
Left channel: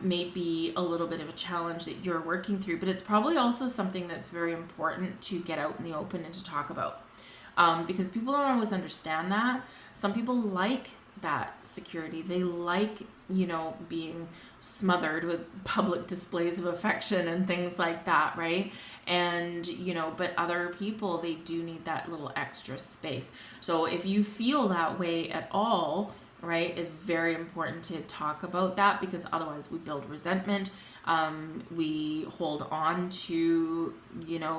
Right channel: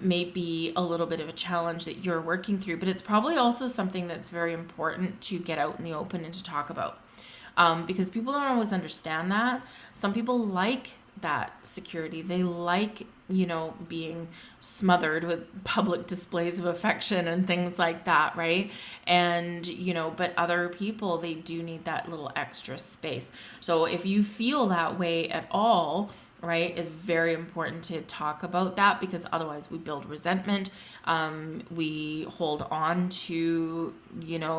may be a little bit of a challenge that you're working through, but it's probably also something that's very important to get out in the open and to talk about. Because people don't always understand that. Some people like that security. They like, being smothered with public displays of affection and things like that, right? And, but other people, they do need that little extra space. So if you feel that way at all, right, it's very important to talk about that, because otherwise we build resentment. We hold on to,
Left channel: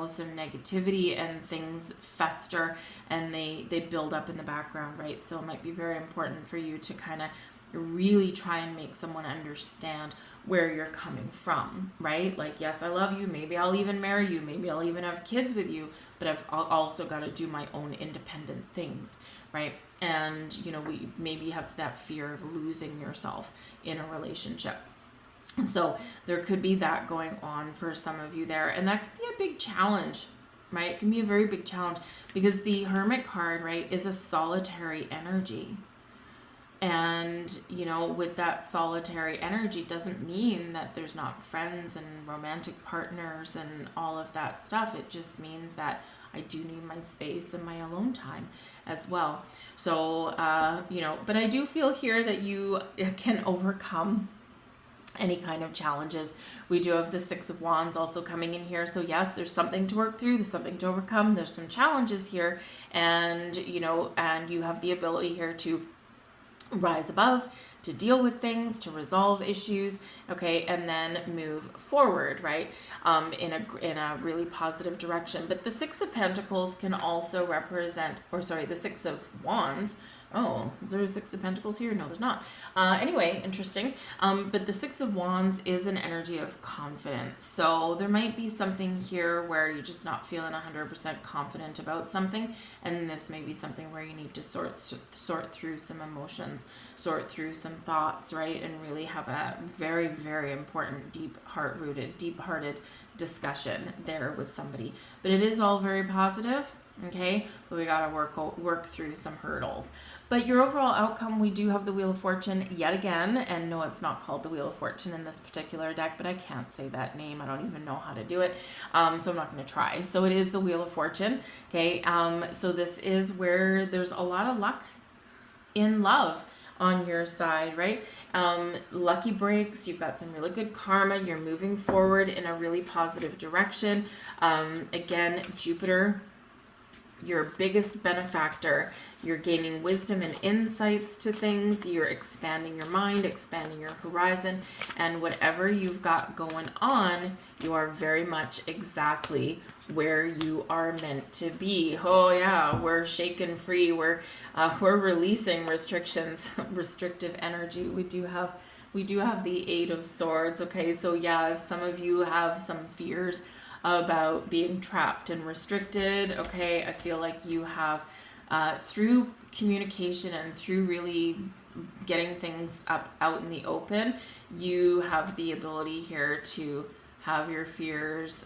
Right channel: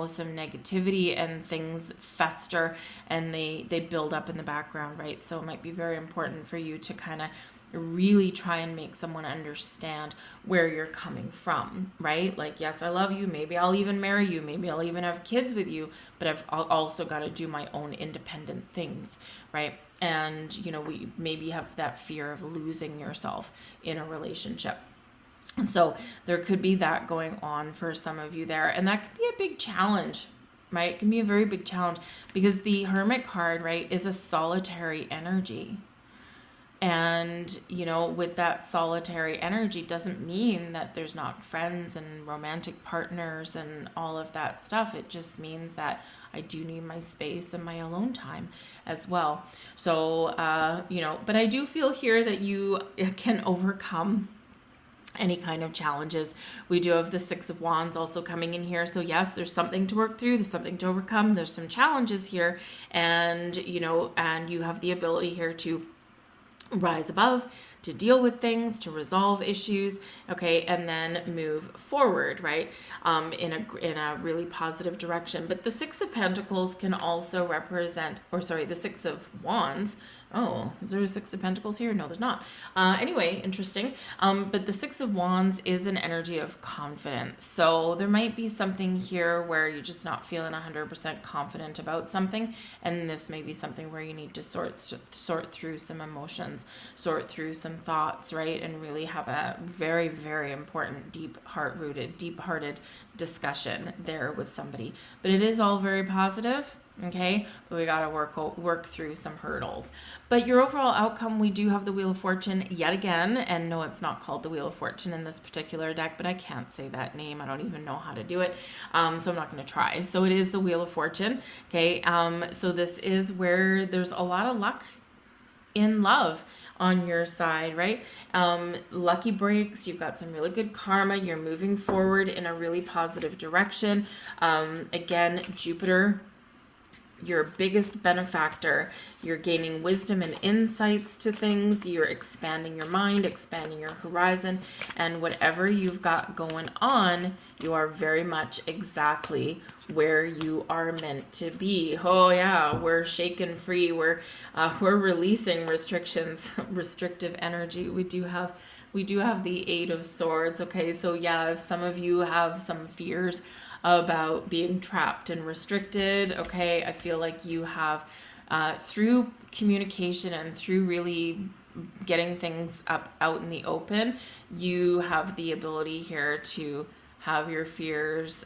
some negativity, and things fester and they build up in the background, right? So it might be very important for you to kind of really try and make someone understand where you're coming from, right? Like, yes, I love you. Maybe I'll even marry you. Maybe I'll even have kids with you, but I've also got to do my own independent things, right? And, we maybe have that fear of losing yourself in a relationship. So there could be that going on for some of you there. And that could be a big challenge, right? It can be a very big challenge, because the Hermit card, right, is a solitary energy. And, with that solitary energy doesn't mean that there's not friends and romantic partners and all of that stuff. It just means that I do need my space and my alone time as well. So, but I do feel here that you can overcome any kind of challenges. We do have the Six of Wands also coming in here. So yes, there's something to work through. There's something to overcome. There's some challenges here. And, and you have the ability here to rise above, to deal with things, to resolve issues, okay, and then move forward, right, in a really positive direction. But the Six of Pentacles can also represent, the Six of Wands. Oh, is there a Six of Pentacles here? No, there's not. Anyway, interesting. But the Six of Wands is an energy of confidence. So there might be something here where you're just not feeling 100% confident about something. And this may be something where you need to sort through some emotions, sort through some thoughts, right? And really have a very, very important, deep-hearted discussion there with somebody. But it is all very positive. Okay, but we got to work through some hurdles. But your overall outcome, we do have the Wheel of Fortune yet again. And no, it's not called the Wheel of Fortune in this particular deck, but I can't say that name. I don't even know how to do it. So I'm not going to try. So it is the Wheel of Fortune. Okay, so this is where there's a lot of luck in love on your side, right? Lucky breaks, you've got some really good karma, you're moving forward in a really positive direction. Again, Jupiter, your biggest benefactor. You're gaining wisdom and insights to things. You're expanding your mind, expanding your horizon, and whatever you've got going on, you are very much exactly where you are meant to be. Oh yeah, we're shaken free. We're releasing restrictions, restrictive energy. We do have the Eight of Swords. Okay, so yeah, if some of you have some fears about being trapped and restricted, okay, I feel like you have through communication and through really getting things out in the open, you have the ability here to have your fears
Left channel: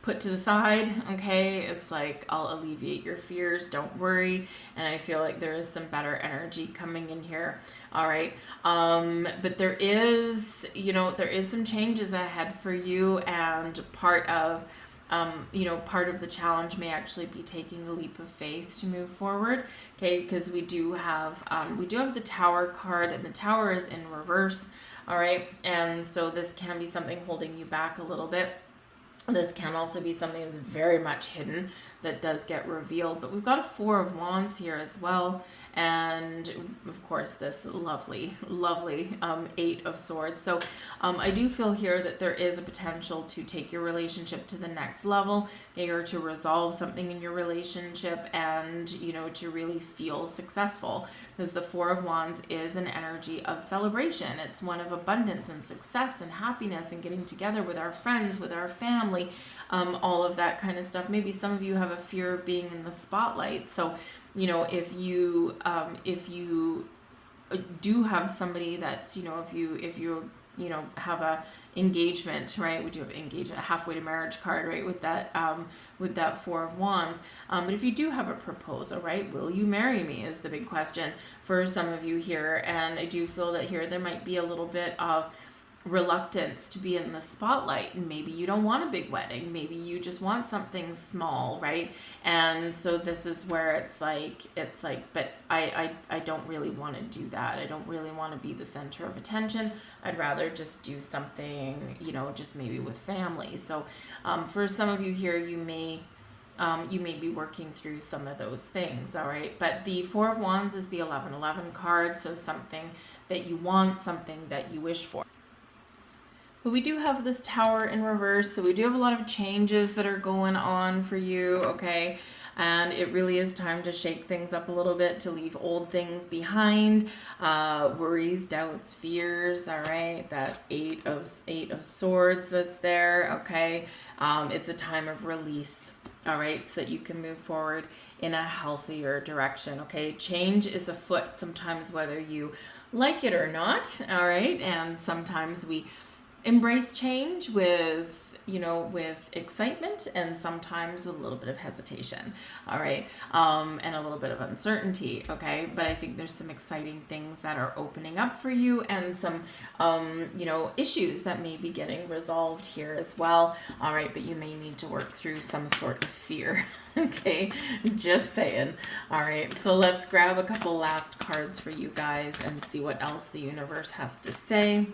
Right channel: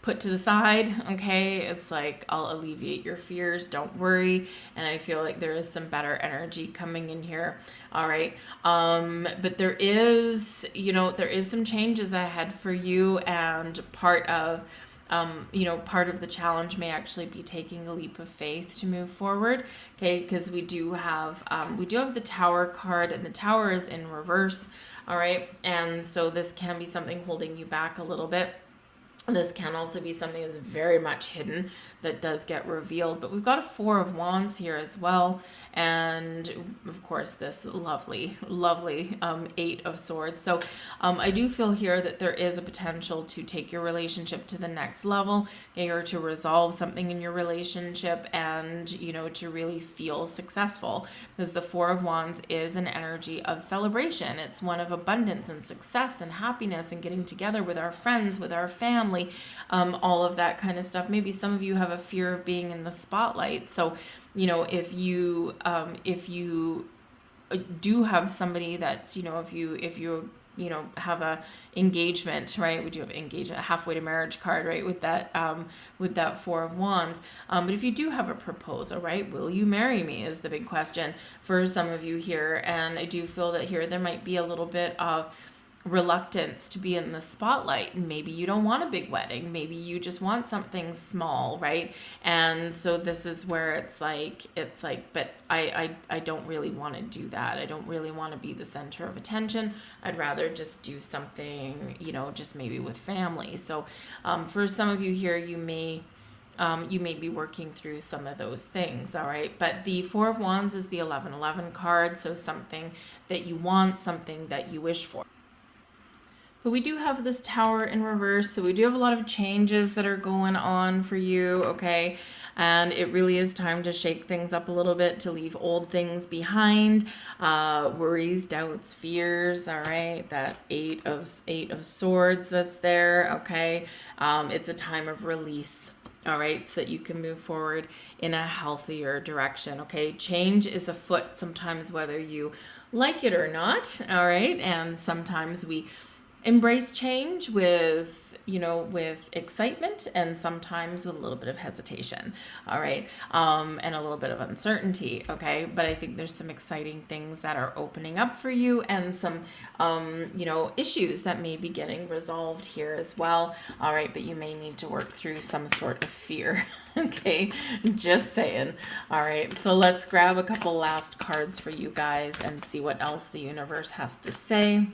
put to the side. Okay, it's like, I'll alleviate your fears, don't worry. And I feel like there is some better energy coming in here. All right, but there is some changes ahead for you, and part of the challenge may actually be taking a leap of faith to move forward. Okay, because we do have the Tower card, and the Tower is in reverse. All right, and so this can be something holding you back a little bit. This can also be something that's very much hidden that does get revealed. But we've got a Four of Wands here as well. And of course, this lovely, lovely Eight of Swords. So I do feel here that there is a potential to take your relationship to the next level, or to resolve something in your relationship, and, you know, to really feel successful. Because the Four of Wands is an energy of celebration. It's one of abundance and success and happiness and getting together with our friends, with our family, all of that kind of stuff. Maybe some of you have a fear of being in the spotlight. So, you know, if you do have somebody that's, you know, if you you know, have a engagement, right? We do have engagement, halfway to marriage card, right? With that Four of Wands. But if you do have a proposal, right? Will you marry me is the big question for some of you here. And I do feel that here there might be a little bit of reluctance to be in the spotlight. Maybe you don't want a big wedding. Maybe you just want something small, right? And so this is where it's like, but I don't really want to do that. I don't really want to be the center of attention. I'd rather just do something, you know, just maybe with family. So for some of you here, you may be working through some of those things, all right? But the Four of Wands is the 1111 card, so something that you want, something that you wish for. But we do have this Tower in reverse, so we do have a lot of changes that are going on for you, okay? And it really is time to shake things up a little bit, to leave old things behind, worries, doubts, fears, all right? That Eight of Swords that's there, okay? It's a time of release, all right? So that you can move forward in a healthier direction, okay? Change is afoot sometimes, whether you like it or not, all right? And sometimes we embrace change with, you know, with excitement, and sometimes with a little bit of hesitation, all right, and a little bit of uncertainty, okay? But I think there's some exciting things that are opening up for you, and some, you know, issues that may be getting resolved here as well, all right? But you may need to work through some sort of fear, okay? Just saying. All right, so let's grab a couple last cards for you guys and see what else the universe has to say.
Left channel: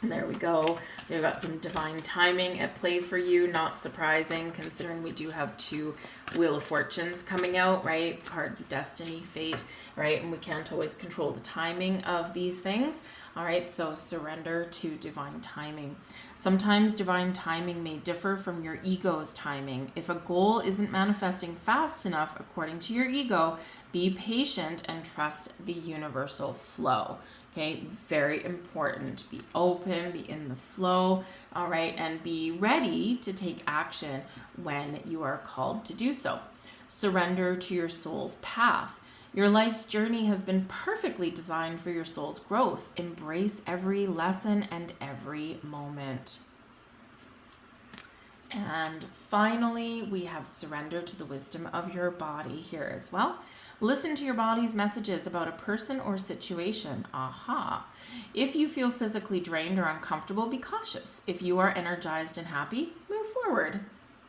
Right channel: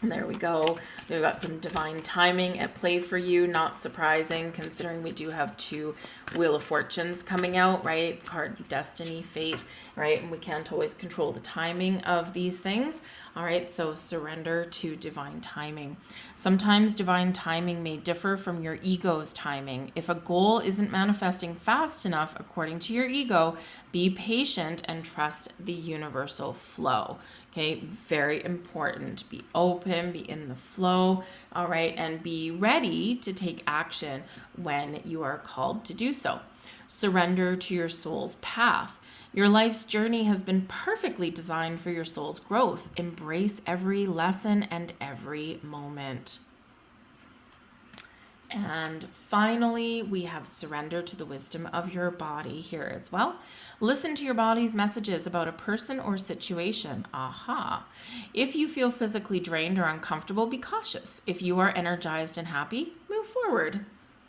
And there we go. We've got some divine timing at play for you. Not surprising, considering we do have two Wheel of Fortunes coming out, right? Card destiny, fate, right? And we can't always control the timing of these things. All right, so surrender to divine timing. Sometimes divine timing may differ from your ego's timing. If a goal isn't manifesting fast enough according to your ego, be patient and trust the universal flow. Okay, very important. Be open, be in the flow, all right, and be ready to take action when you are called to do so. Surrender to your soul's path. Your life's journey has been perfectly designed for your soul's growth. Embrace every lesson and every moment. And finally, we have surrender to the wisdom of your body here as well. Listen to your body's messages about a person or situation. Aha. If you feel physically drained or uncomfortable, be cautious. If you are energized and happy, move forward.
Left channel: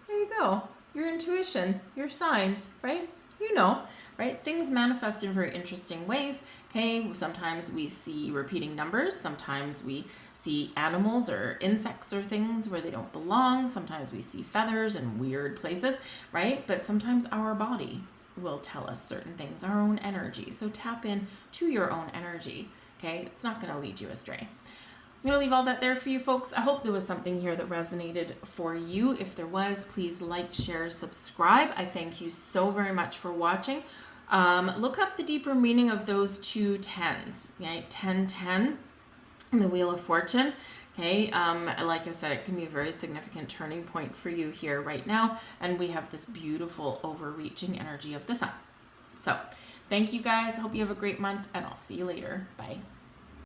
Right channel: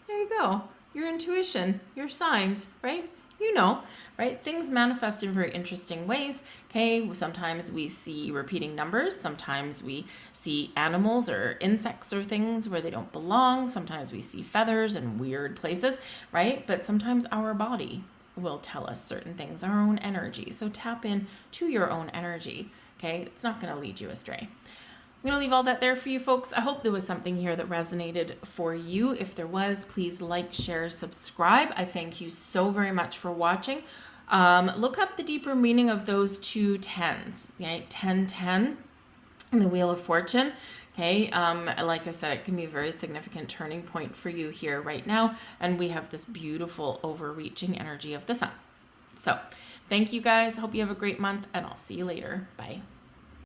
There you go. Your intuition, your signs, right? You know, right? Things manifest in very interesting ways. Okay, sometimes we see repeating numbers. Sometimes we see animals or insects or things where they don't belong. Sometimes we see feathers in weird places, right? But sometimes our body will tell us certain things, our own energy. So tap in to your own energy, okay? It's not going to lead you astray. I'm going to leave all that there for you folks. I hope there was something here that resonated for you. If there was, please like, share, subscribe. I thank you so very much for watching. Look up the deeper meaning of those two tens, okay? 10-10 and the Wheel of Fortune. Okay, like I said, it can be a very significant turning point for you here right now. And we have this beautiful overreaching energy of the sun. So thank you guys. Hope you have a great month, and I'll see you later. Bye.